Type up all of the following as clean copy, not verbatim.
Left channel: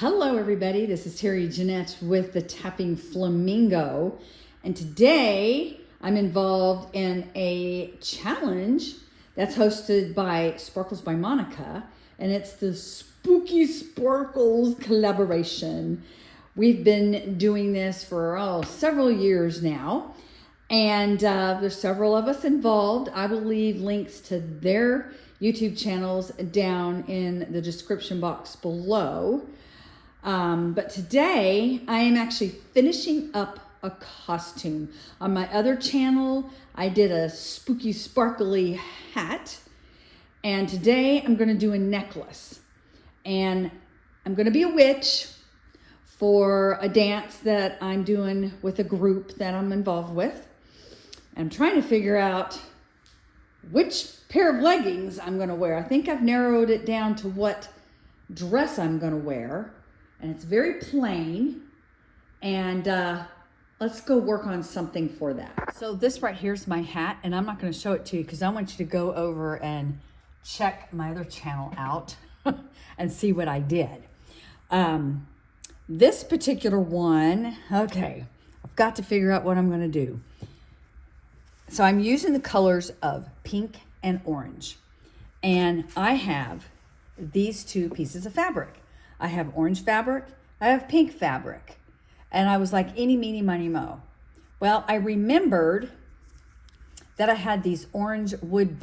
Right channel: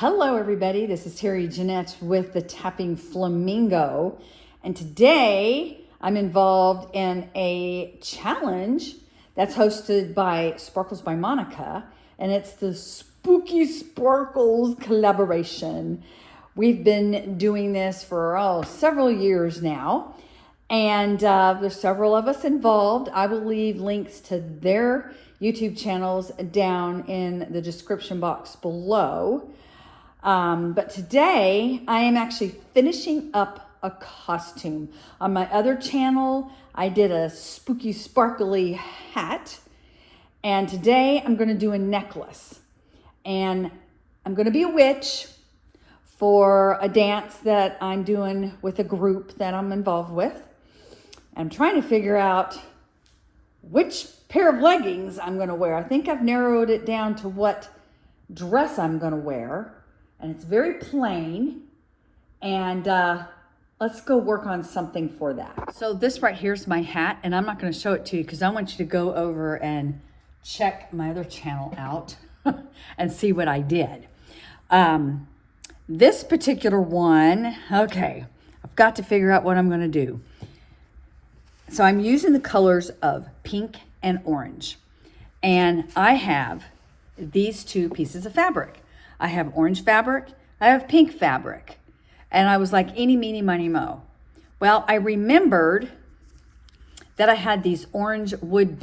Hello everybody, this is Terry Jeanette with the Tapping Flamingo, and today I'm involved in a challenge that's hosted by Sparkles by Monica, and it's the Spooky Sparkles collaboration. We've been doing this for several years now, and there's several of us involved. I will leave links to their YouTube channels down in the description box below. But today I am actually finishing up a costume. On my other channel, I did a spooky sparkly hat, and today I'm going to do a necklace, and I'm going to be a witch for a dance that I'm doing with a group that I'm involved with. I'm trying to figure out which pair of leggings I'm going to wear. I think I've narrowed it down to what dress I'm going to wear. And it's very plain, and let's go work on something for that. So this right here is my hat, and I'm not going to show it to you because I want you to go over and check my other channel out and see what I did. This particular one, okay, I've got to figure out what I'm going to do. So I'm using the colors of pink and orange, and I have these two pieces of fabric. I have orange fabric, I have pink fabric. And I was like, eeny, meeny, miny, mo. Well, I remembered that I had these pink wood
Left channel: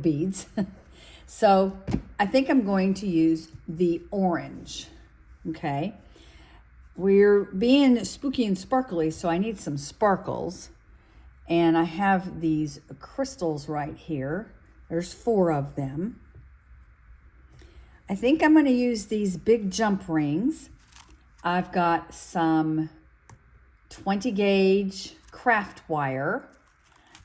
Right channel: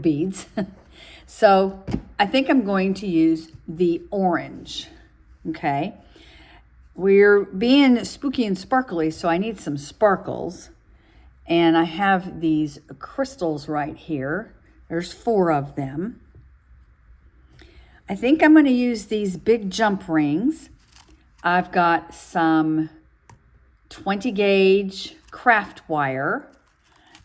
beads. So I think I'm going to use the orange, okay? We're being spooky and sparkly, so I need some sparkles. And I have these crystals right here. There's 4 of them. I think I'm going to use these big jump rings. I've got some 20 gauge craft wire,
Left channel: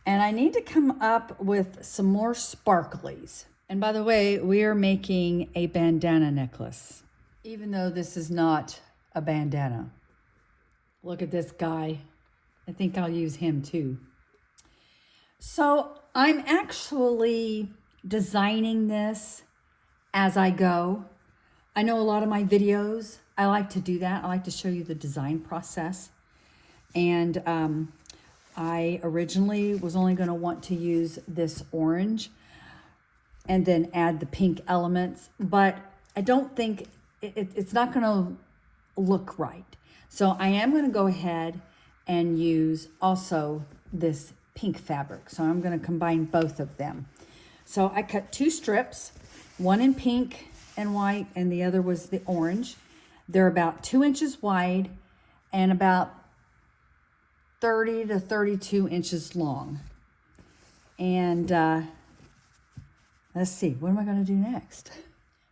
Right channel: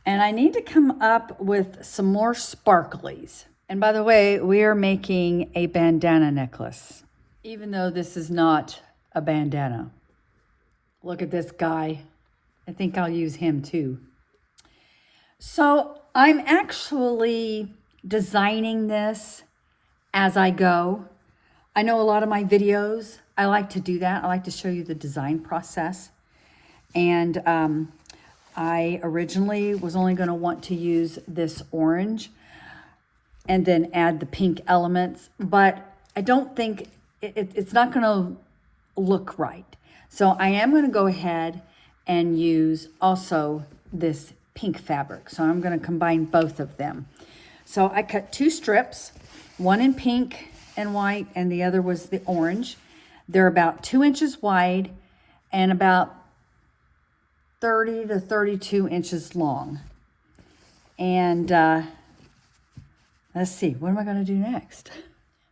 and I need to come up with some more sparklies. And by the way, we are making a bandana necklace, even though this is not a bandana. Look at this guy. I think I'll use him too. So I'm actually designing this as I go. I know a lot of my videos, I like to do that. I like to show you the design process. And I originally was only going to want to use this orange and then add the pink elements, but I don't think it's not going to look right. So I am going to go ahead and use also this pink fabric. So I'm going to combine both of them. So I cut 2 strips. One in pink and white, and the other was the orange. They're about 2 inches wide and about 30 to 32 inches long. And let's see, what am I going to do next?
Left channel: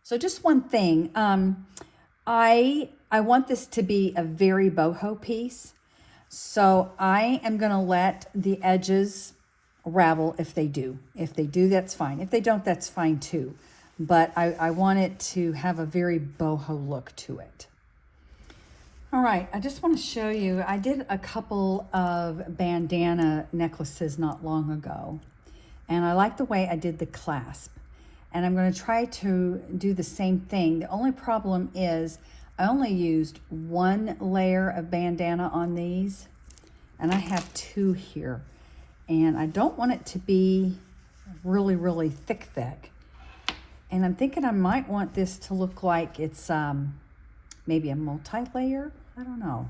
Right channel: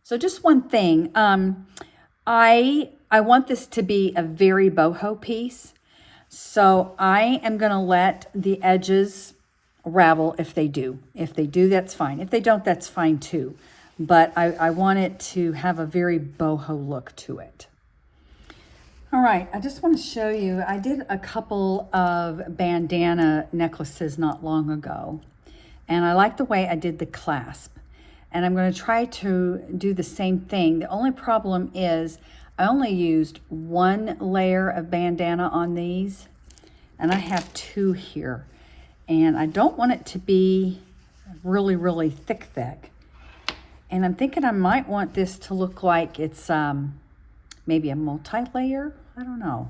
So just one thing, I want this to be a very boho piece. So I am going to let the edges ravel if they do. If they do, that's fine. If they don't, that's fine too. But I want it to have a very boho look to it. All right, I just want to show you, I did a couple of bandana necklaces not long ago, and I like the way I did the clasp. And I'm going to try to do the same thing. The only problem is I only used 1 layer of bandana on these, and I have 2 here. And I don't want it to be really, really thick. And I'm thinking I might want this to look like it's maybe a multi-layer. I don't know.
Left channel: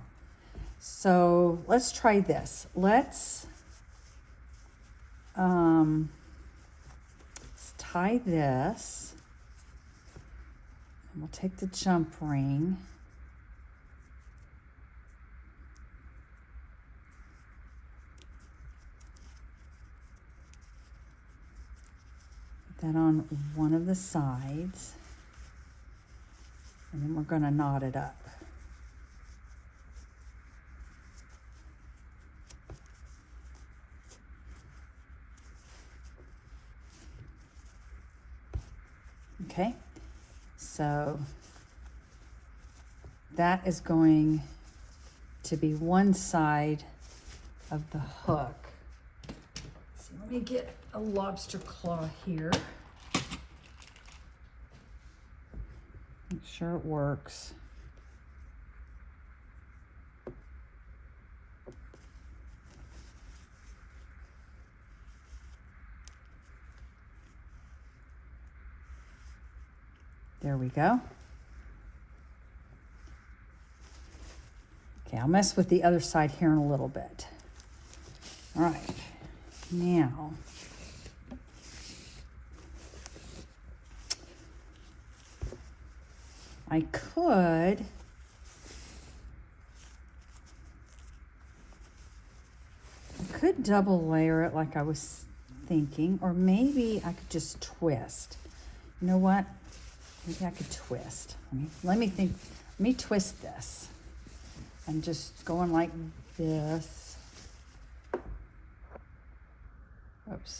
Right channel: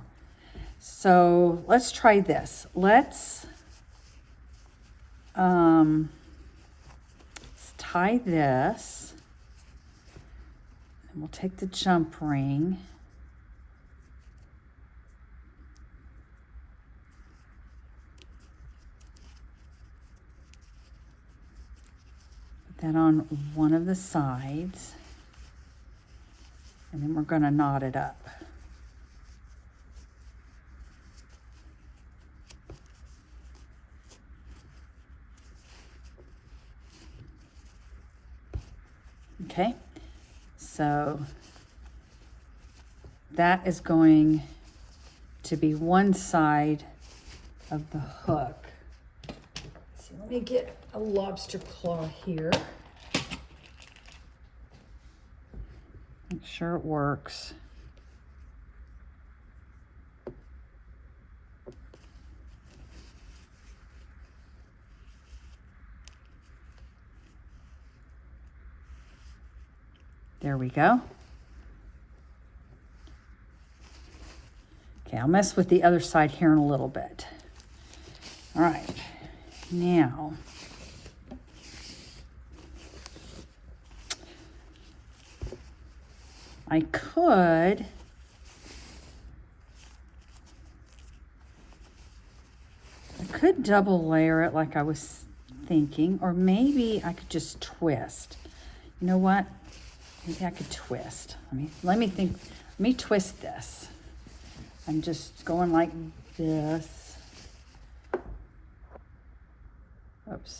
So let's try this. Let's tie this. And we'll take the jump ring. That on one of the sides, and then we're going to knot it up. Okay, so that is going to be one side of the hook. So let me get a lobster claw here. Make sure it works. There we go. Okay, I'll mess with the other side here in a little bit. All right, now I could double layer it like I was thinking, or maybe I could just twist. You know what? Maybe I could twist. Let me think. Let me twist this. I'm just going like this. Oops.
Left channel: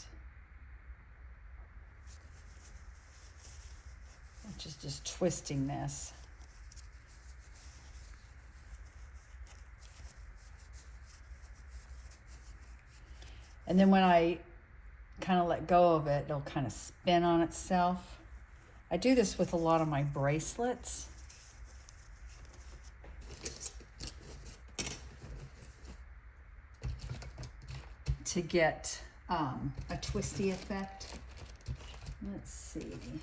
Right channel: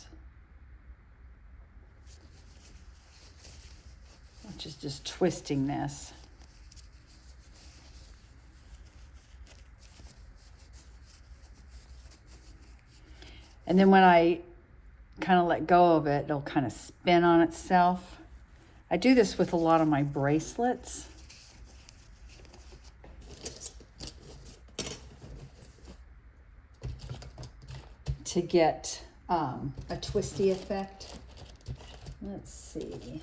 Which is just twisting this. And then when I kind of let go of it, it'll kind of spin on itself. I do this with a lot of my bracelets. To get a twisty effect. Let's see.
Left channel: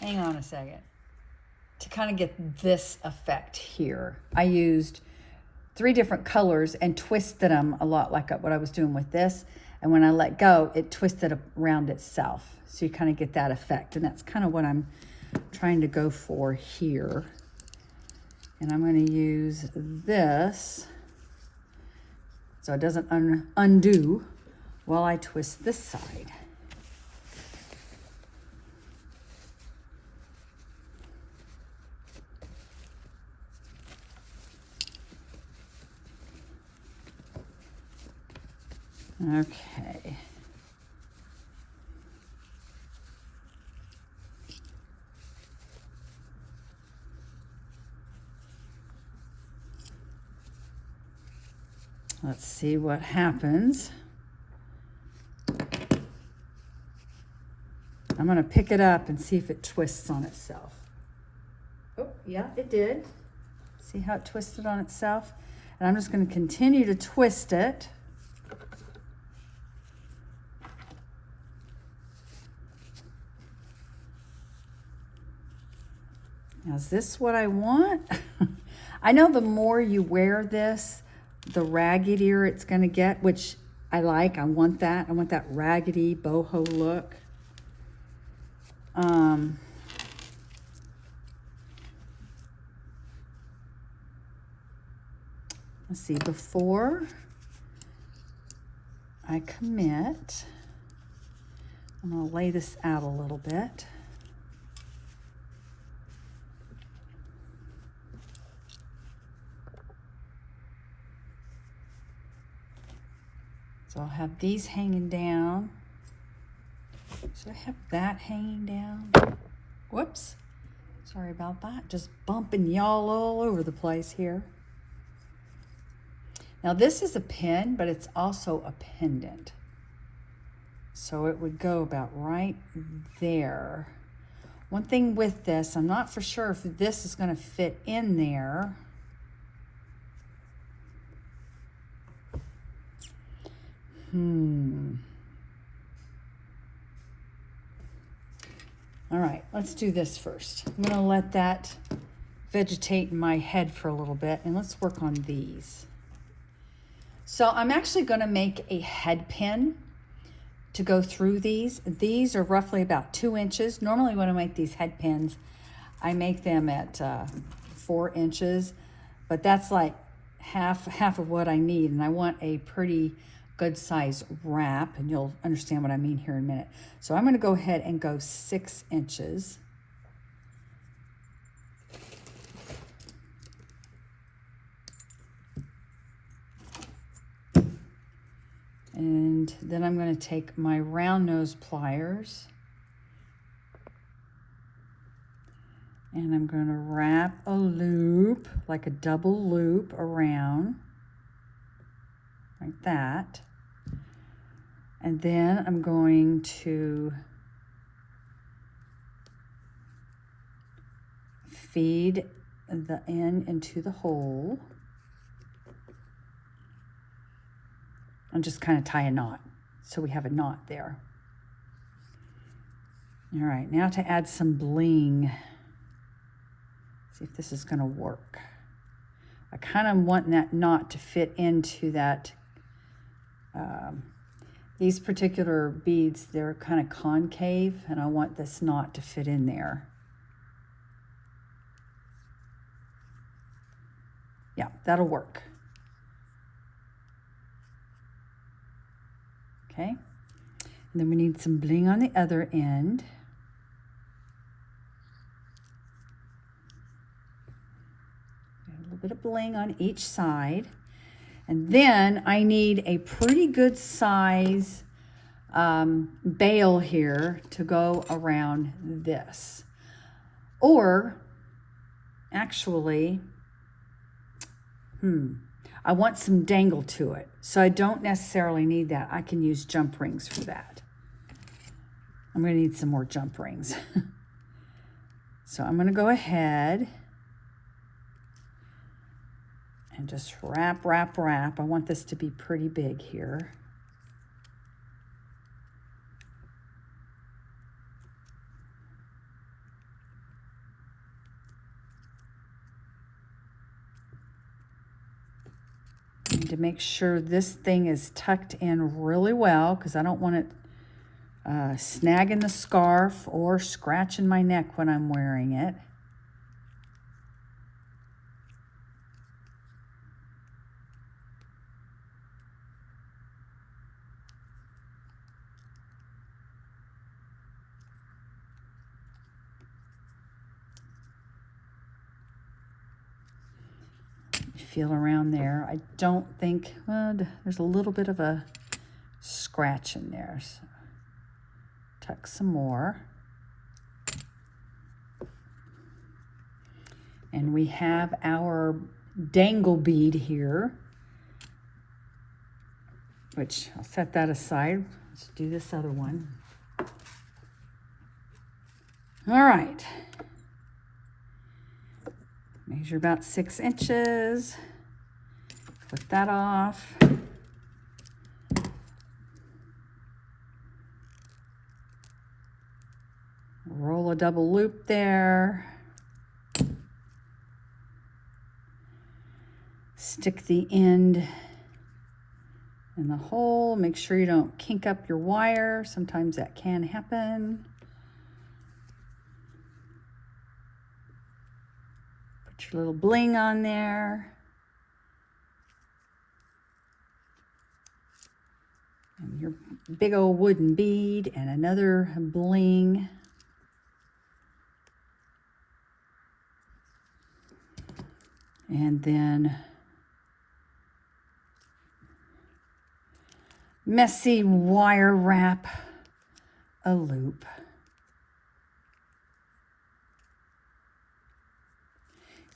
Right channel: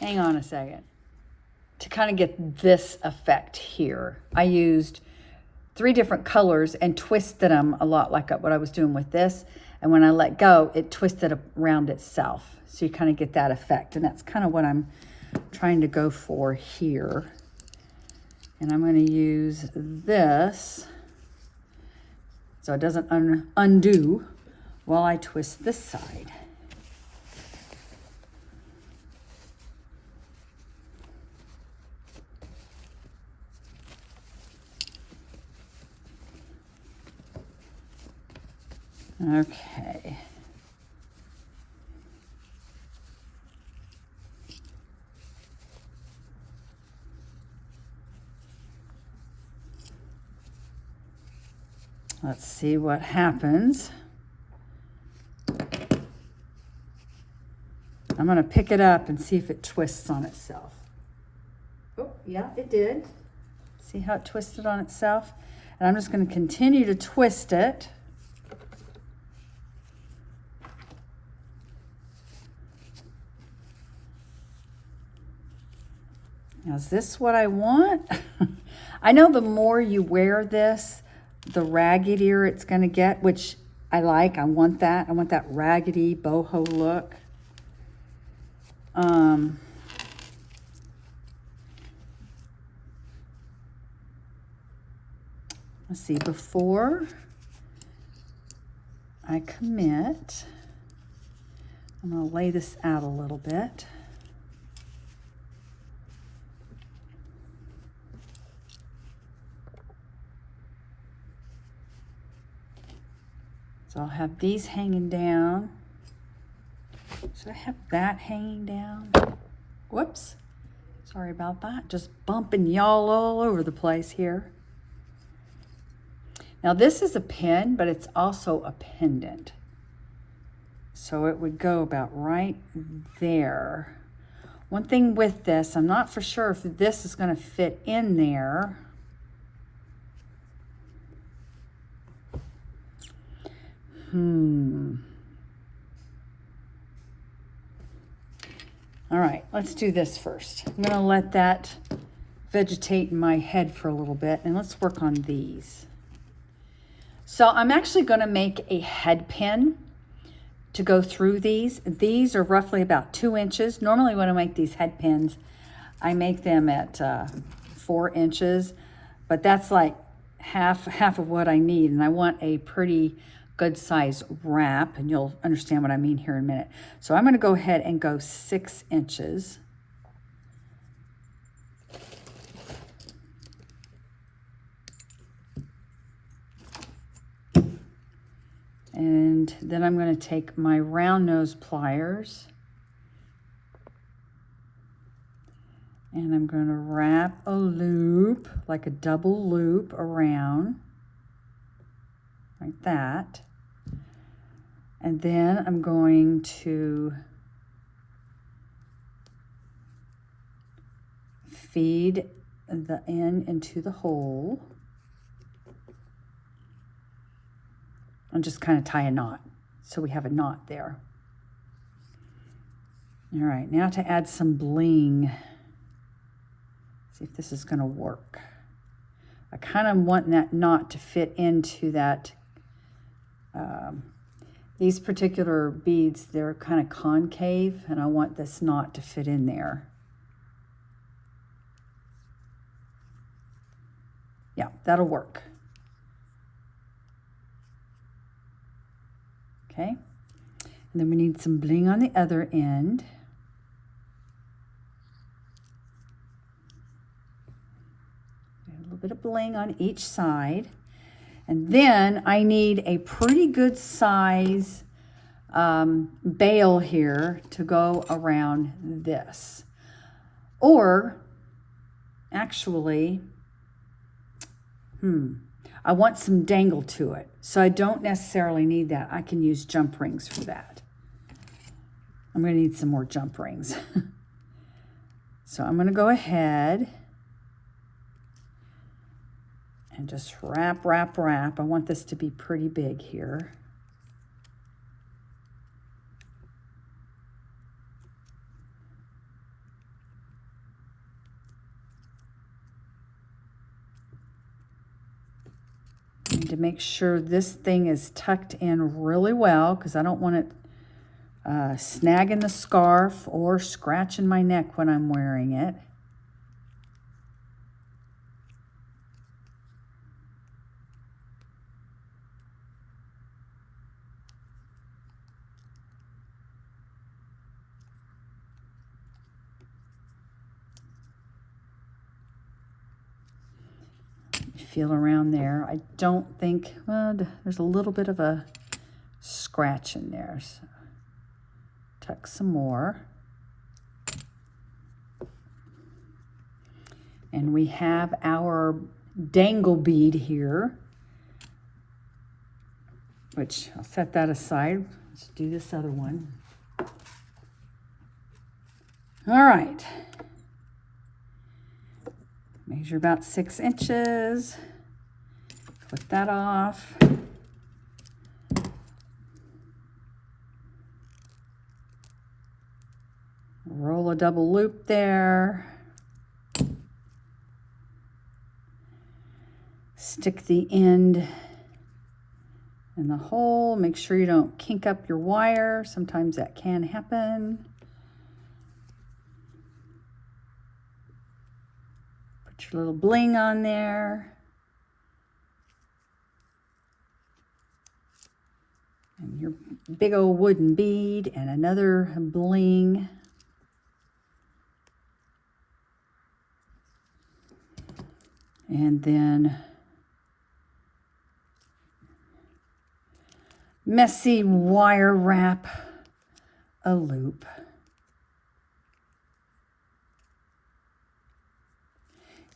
Hang on a second. To kind of get this effect here, I used 3 different colors and twisted them a lot like what I was doing with this. And when I let go, it twisted around itself. So you kind of get that effect. And that's kind of what I'm trying to go for here. And I'm going to use this so it doesn't undo while I twist this side. Okay. Let's see what happens. I'm going to pick it up and see if it twists on itself. Oh, yeah, it did. See how it twisted on itself? And I'm just going to continue to twist it. Now, is this what I want? I know the more you wear this, the raggedier it's going to get, which I like. I want that. I want that raggedy boho look. Let's see, before I commit, I'm going to lay this out a little bit. So I'll have these hanging down. So I have that hanging down. Whoops. Sorry about that. Just bumping y'all all over the place here. Now this is a pin, but it's also a pendant. So it would go about right there. One thing with this, I'm not for sure if this is going to fit in there. All right, let's do this first. I'm going to let that vegetate in my head for a little bit, and let's work on these. So I'm actually going to make a head pin to go through these. These are roughly about 2 inches. Normally when I make these head pins, I make them at 4 inches, but that's like half of what I need, and I want a pretty good size wrap, and you'll understand what I mean here in a minute. So I'm going to go ahead and go 6 inches. And then I'm going to take my round nose pliers and I'm going to wrap a loop, like a double loop around, like that. And then I'm going to feed the end into the hole. And just kind of tie a knot. So we have a knot there. All right, now to add some bling. See if this is gonna work. I kind of want that knot to fit into that. These particular beads, they're kind of concave, and I want this knot to fit in there. Yeah, that'll work. Okay, and then we need some bling on the other end. A little bit of bling on each side. And then I need a pretty good size bail here to go around this. Or actually, I want some dangle to it. So I don't necessarily need that. I can use jump rings for that. I'm going to need some more jump rings. So I'm going to go ahead and just wrap, wrap, wrap. I want this to be pretty big here. I need to make sure this thing is tucked in really well because I don't want it snagging the scarf or scratching my neck when I'm wearing it. Feel around there. I don't think, well, there's a little bit of a scratch in there. So tuck some more. And we have our dangle bead here, which I'll set that aside. Let's do this other one. All right. Measure about 6 inches. Clip that off. Roll a double loop there. Stick the end in the hole. Make sure you don't kink up your wire. Sometimes that can happen. Put your little bling on there. And your big old wooden bead and another bling. And then messy wire wrap a loop.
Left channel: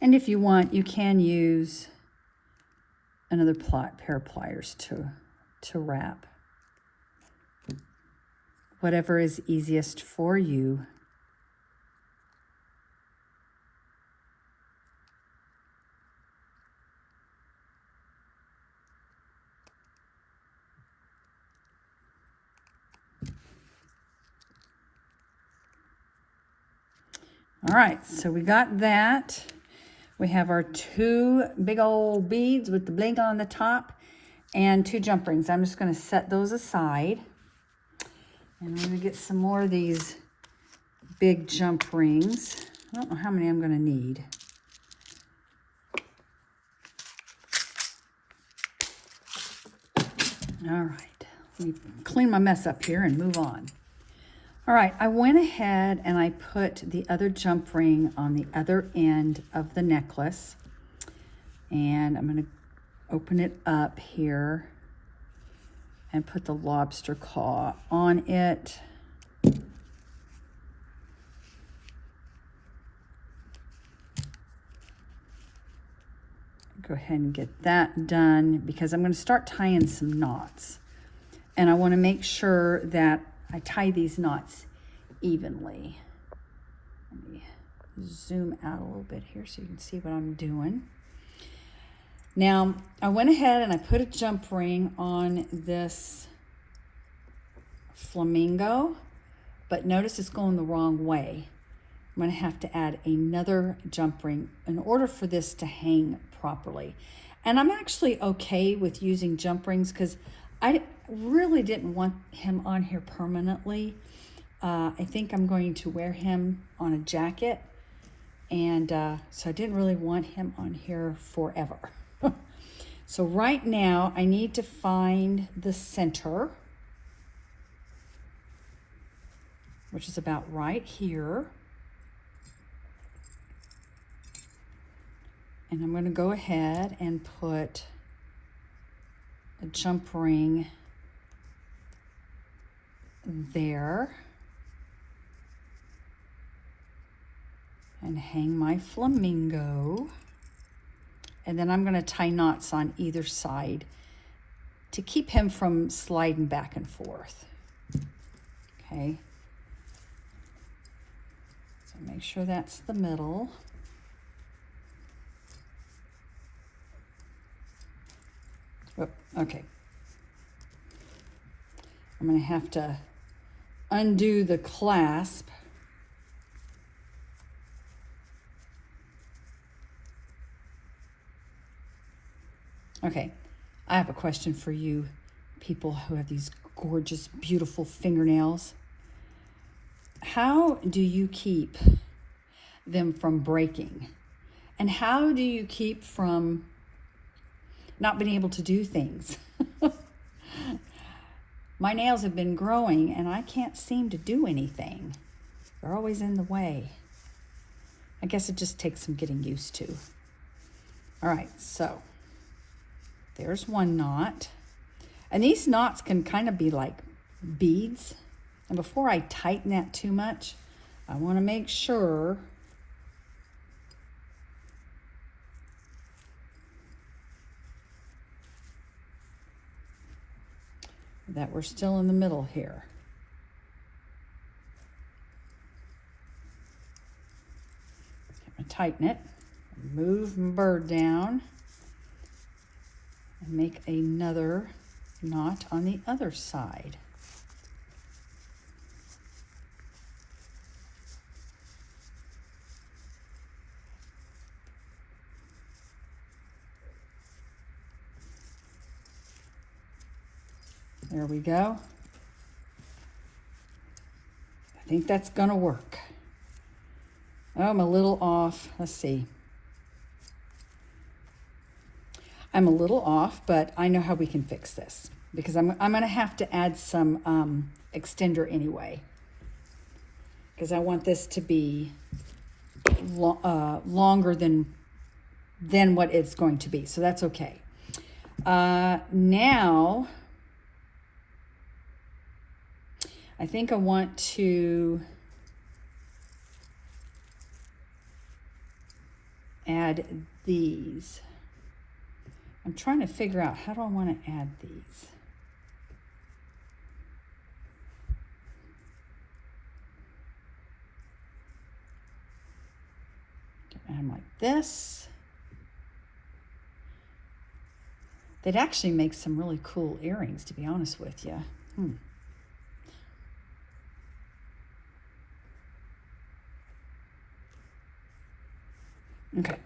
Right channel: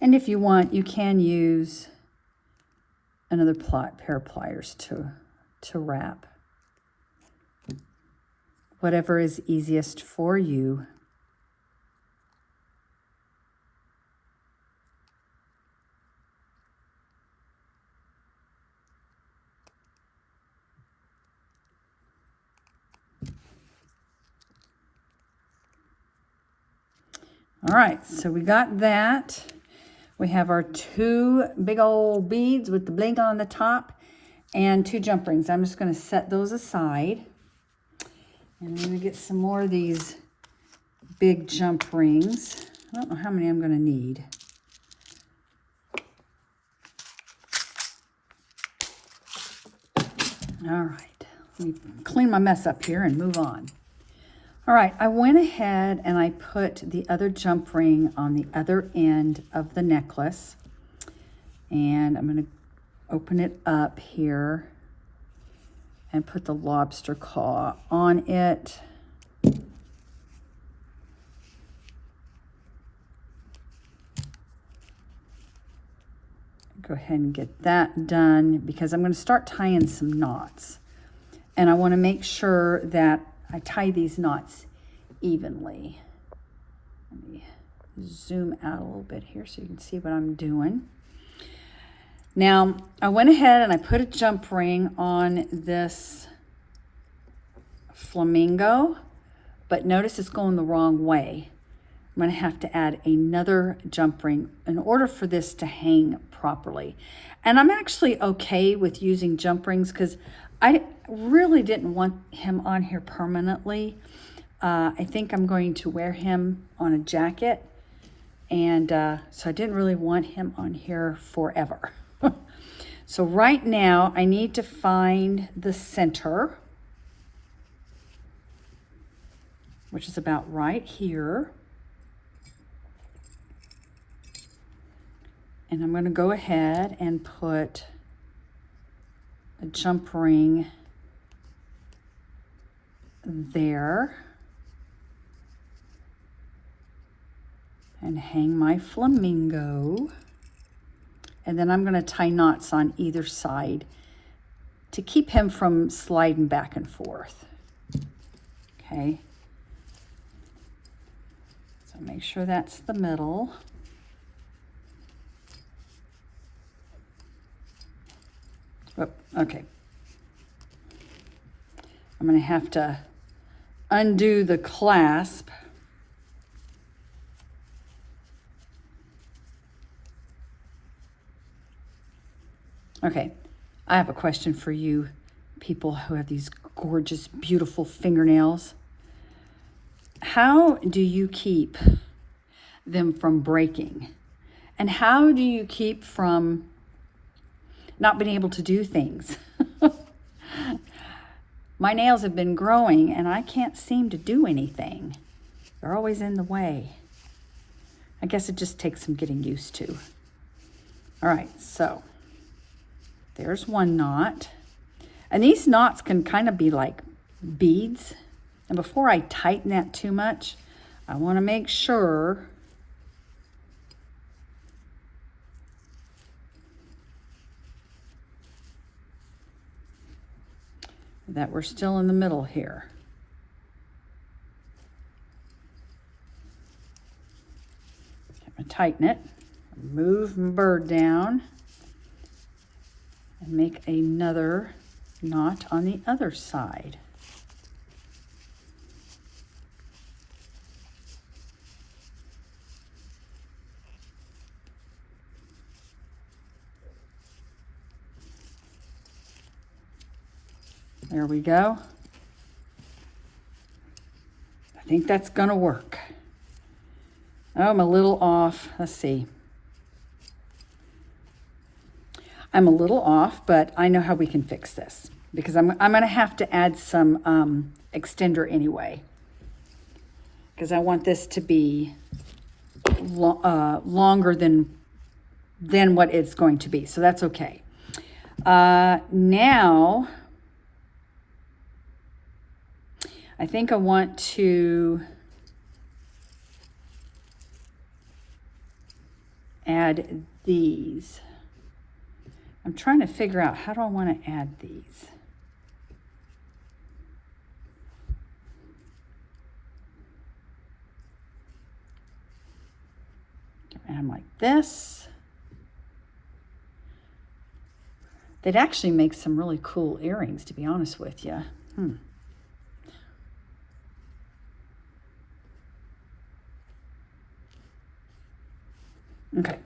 And if you want, you can use another pair of pliers to wrap. Whatever is easiest for you. All right, so we got that. We have our 2 big old beads with the bling on the top and 2 jump rings. I'm just going to set those aside. And I'm going to get some more of these big jump rings. I don't know how many I'm going to need. All right, let me clean my mess up here and move on. All right, I went ahead and I put the other jump ring on the other end of the necklace. And I'm going to open it up here and put the lobster claw on it. Go ahead and get that done because I'm going to start tying some knots. And I want to make sure that I tie these knots evenly. Let me zoom out a little bit here so you can see what I'm doing. Now, I went ahead and I put a jump ring on this flamingo, but notice it's going the wrong way. I'm going to have to add another jump ring in order for this to hang properly. And I'm actually okay with using jump rings because I really didn't want him on here permanently. I think I'm going to wear him on a jacket, and so I didn't really want him on here forever. So right now I need to find the center, which is about right here. And I'm going to go ahead and put a jump ring there and hang my flamingo. And then I'm going to tie knots on either side to keep him from sliding back and forth. Okay. So make sure that's the middle. Oh, okay. I'm going to have to undo the clasp. Okay, I have a question for you people who have these gorgeous, beautiful fingernails. How do you keep them from breaking? And how do you keep from not being able to do things? My nails have been growing and I can't seem to do anything. They're always in the way. I guess it just takes some getting used to. All right, so there's one knot. And these knots can kind of be like beads. And before I tighten that too much, I want to make sure that we're still in the middle here. I'm going to tighten it, move my bird down, and make another knot on the other side. There we go. I think that's gonna work. Oh, I'm a little off. Let's see. I'm a little off, but I know how we can fix this because I'm gonna have to add some extender anyway, because I want this to be longer than what it's going to be. So that's okay. Now, I think I want to add these. I'm trying to figure out how do I want to add these. Add them like this. They'd actually make some really cool earrings, to be honest with you. Okay,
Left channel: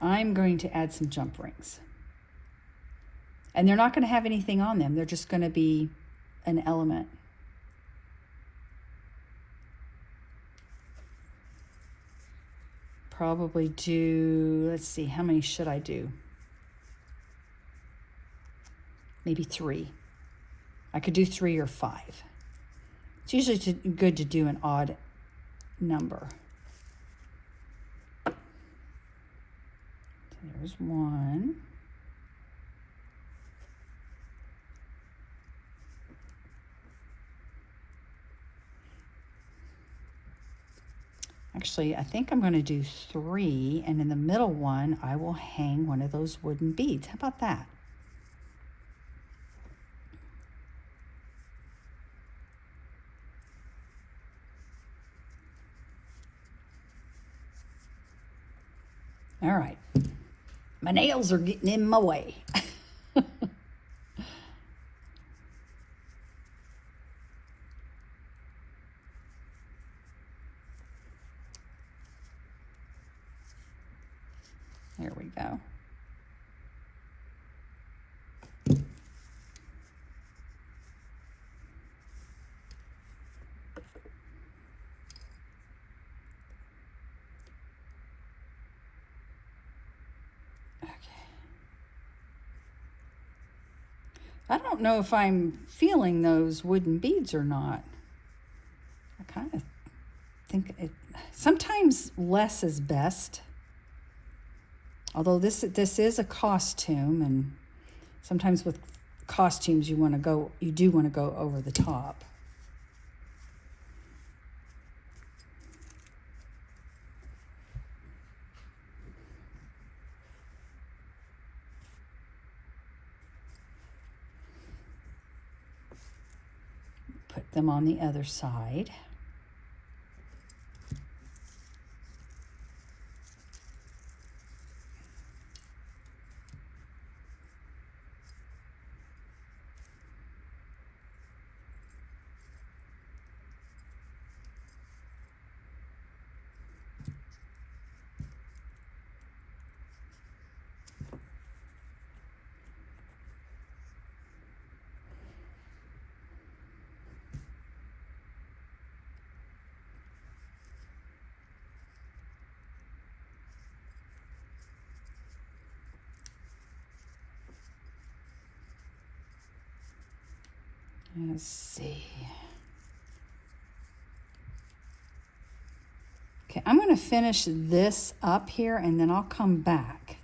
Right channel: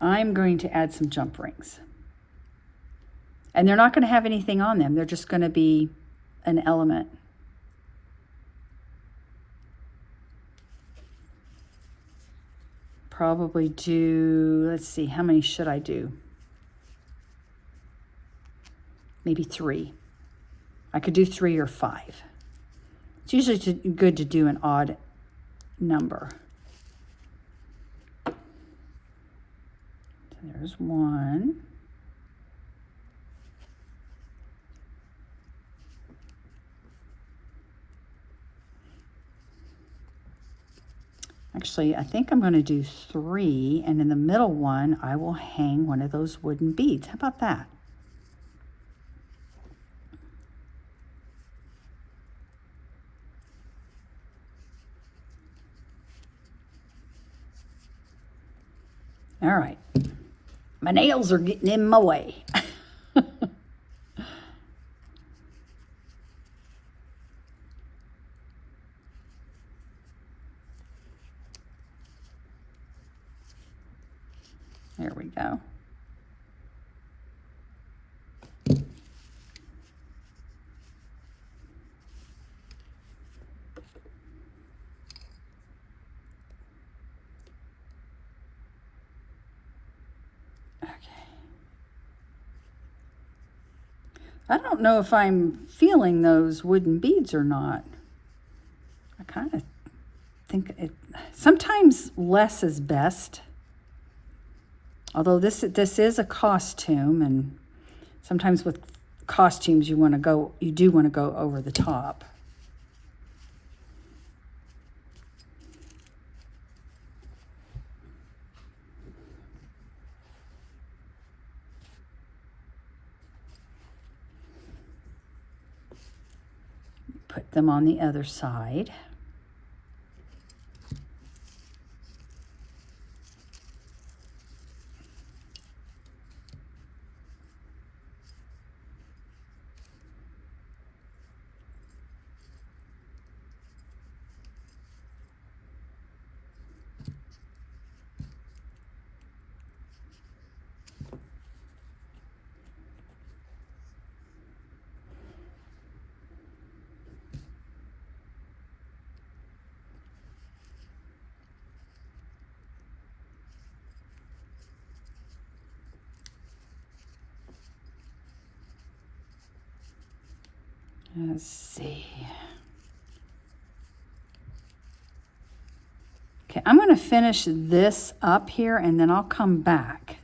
I'm going to add some jump rings. And they're not going to have anything on them. They're just going to be an element. Probably do, let's see, how many should I do? Maybe 3. I could do 3 or 5. It's usually good to do an odd number. There's 1. Actually, I think I'm going to do 3, and in the middle one, I will hang one of those wooden beads. How about that? All right. My nails are getting in my way. There we go. I don't know if I'm feeling those wooden beads or not. I kind of think sometimes less is best. Although this is a costume, and sometimes with costumes you do want to go over the top. Put them on the other side. Let's see. Okay, I'm going to finish this up here and then I'll come back.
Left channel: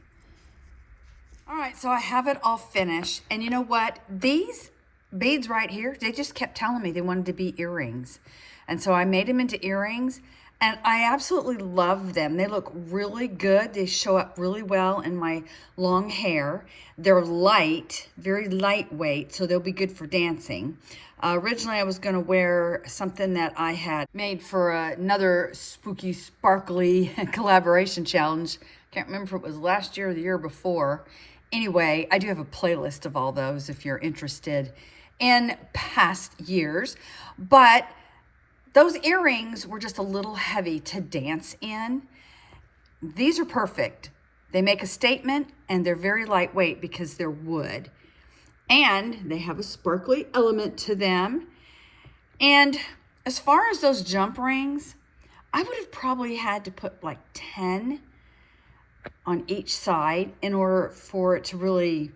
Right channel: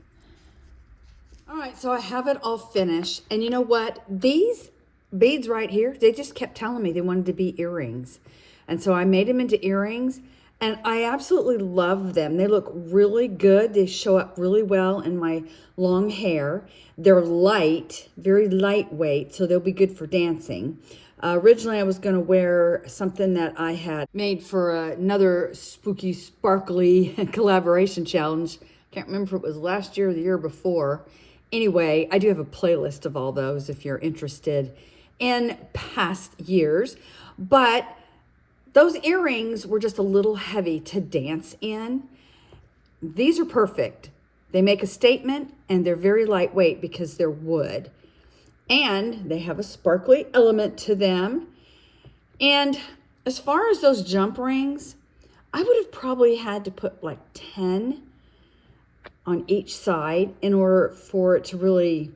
All right, so I have it all finished. And you know what? These beads right here, they just kept telling me they wanted to be earrings. And so I made them into earrings and I absolutely love them. They look really good. They show up really well in my long hair. They're light, very lightweight, so they'll be good for dancing. Originally, I was going to wear something that I had made for another spooky, sparkly collaboration challenge. Can't remember if it was last year or the year before. Anyway, I do have a playlist of all those if you're interested in past years. But those earrings were just a little heavy to dance in. These are perfect. They make a statement and they're very lightweight because they're wood. And they have a sparkly element to them. And as far as those jump rings, I would have probably had to put like 10 on each side in order for it to really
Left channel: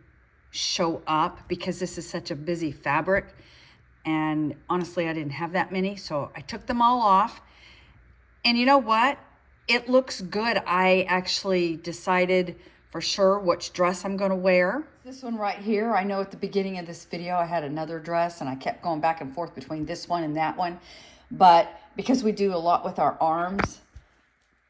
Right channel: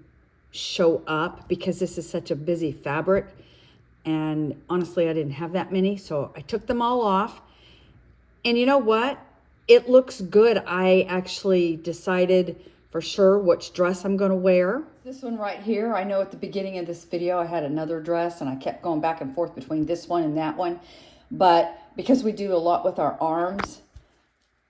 show up because this is such a busy fabric. And honestly, I didn't have that many, so I took them all off. And you know what? It looks good. I actually decided for sure which dress I'm going to wear. This one right here, I know at the beginning of this video I had another dress and I kept going back and forth between this one and that one. But because we do a lot with our arms,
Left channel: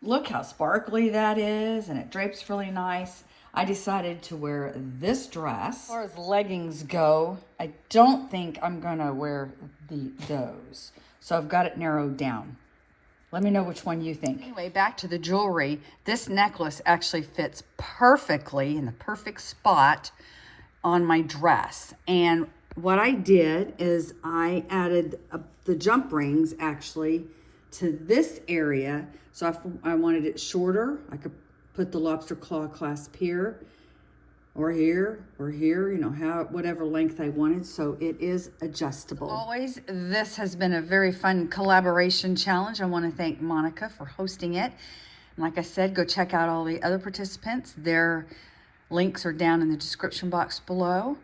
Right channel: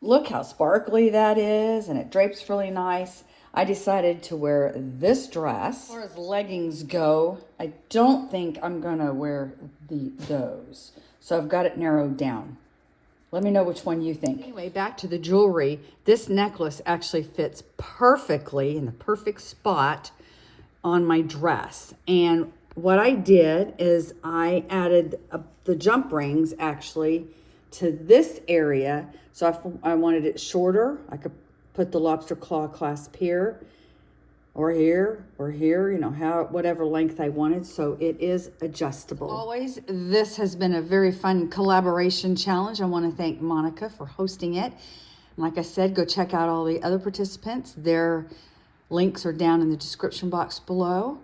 look how sparkly that is and it drapes really nice. I decided to wear this dress. As far as leggings go, I don't think I'm going to wear those. So I've got it narrowed down. Let me know which one you think. Anyway, back to the jewelry. This necklace actually fits perfectly in the perfect spot on my dress. And what I did is I added the jump rings actually to this area. So if I wanted it shorter, I could put the lobster claw clasp here or here or here, you know, whatever length I wanted. So it is adjustable. Always, this has been a very fun collaboration challenge. I want to thank Monica for hosting it. Like I said, go check out all the other participants. Their links are down in the description box below.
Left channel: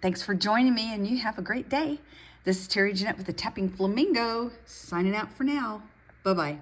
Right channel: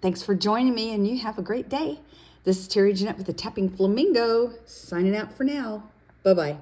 Thanks for joining me and you have a great day. This is Terry Jeanette with the Tapping Flamingo, signing out for now. Bye-bye.